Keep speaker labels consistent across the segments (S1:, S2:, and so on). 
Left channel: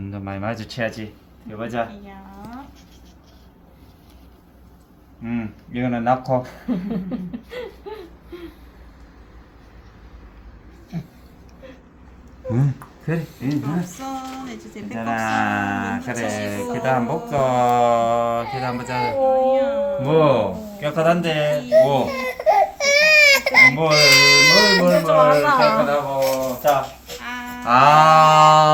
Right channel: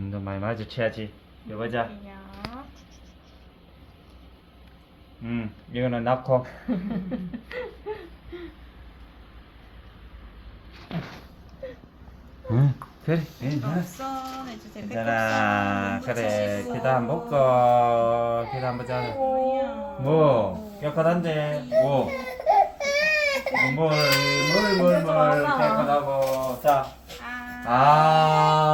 S1: 음, 너 많이 마주쳐야지. 이거 보자.
S2: 야.
S1: 음, 이거는 넣고. 응, 그래. 응, 응.
S2: 곱선 해주세요.
S1: 괜찮아. 그래.
S2: 붙이시고.
S1: 기도 한번 먹고. 기도 한번 보자.
S2: 아니야.
S1: 뭐, 깨끗한데. 뭐. 뭘, 뭘, 뭘,
S2: 좀
S1: 뭘. 깨끗하고. 자.
S2: 아.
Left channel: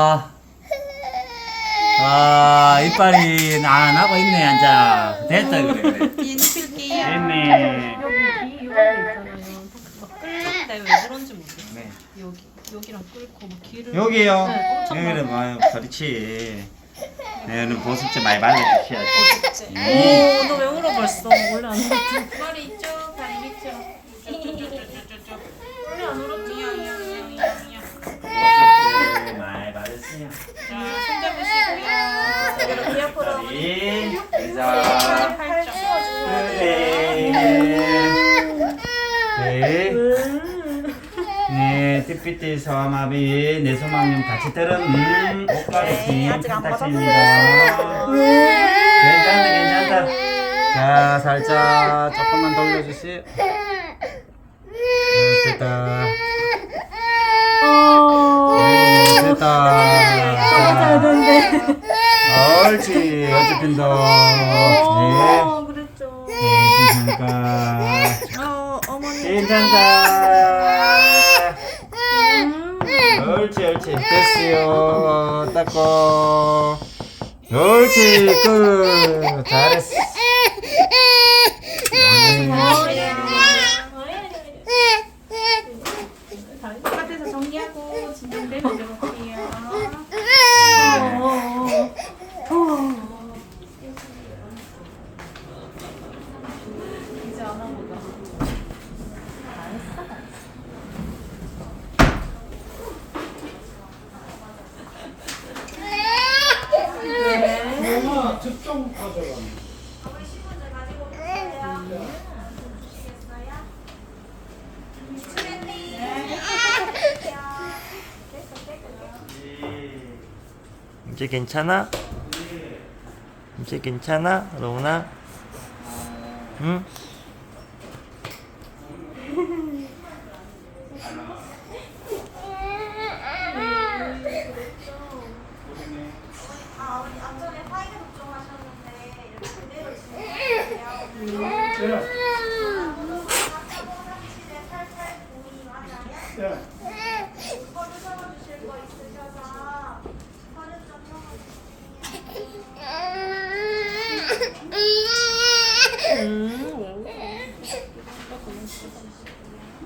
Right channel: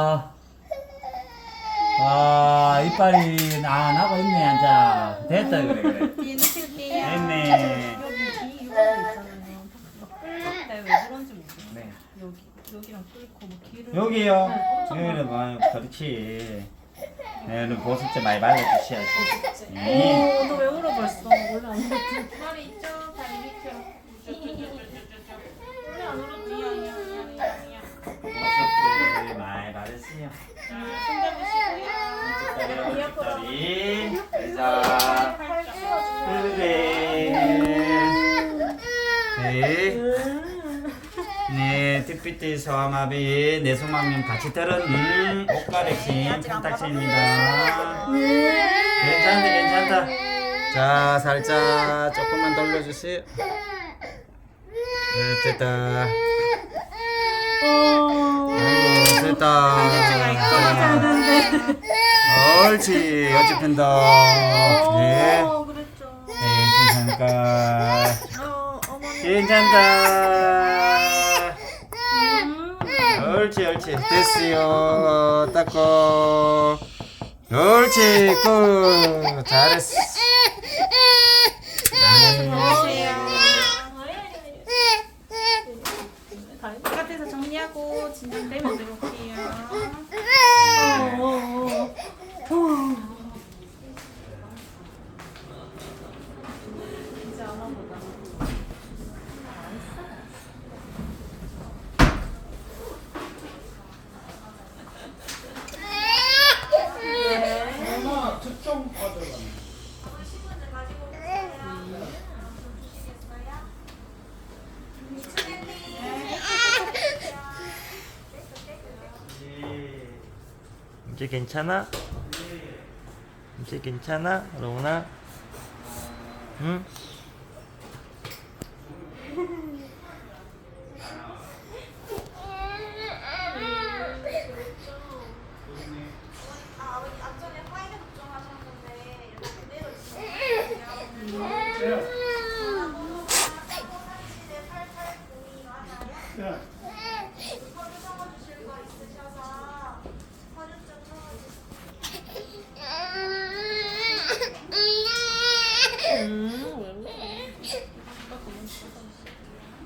S1: 아. 아, 이빨이 안 하고 있네, 앉아. 됐다, 그래, 그래. 됐네.
S3: 여기 뒤 이렇게 있잖아요. 막 끌렸다 왜 그런지 모르겠어.
S1: 네.
S3: 여기 여기랑 끌고 뭐 길을
S1: 여기요.
S3: 네,
S1: 여기는
S3: 많이
S1: 뭐, 그렇지. 여기는 보습제 많이 발라주셔야지. 음.
S3: 오, 너왜 울어 벌써? 원래 안 울었지.
S2: 머리 이쪽, 다리 밑으로.
S1: 다리. 자. 네. 네, 띠삐띠 소아마비, 내 소망님 같이 때는 음,
S2: 안
S1: 판타치입니다. 괜찮다, 괜찮다. 자, 살짝 조금만 돌려주세요. 네, 됐다. 아이고, 됐다. 자,
S3: 되는데.
S1: 옳지, 어집힌다. 네,
S3: 그랬죠.
S1: 네, 괜찮을까.
S2: 어, 어머니.
S1: 괜찮다. 옳지, 옳지. 됐어요. 닦고. 옳지, 끝. 잘했어. 네.
S2: 바깥에서 정리하고 진정되면 들어올게요. 이제
S1: 이제 괜찮아? 이제 괜찮아? 로우나? 응? 자. 음.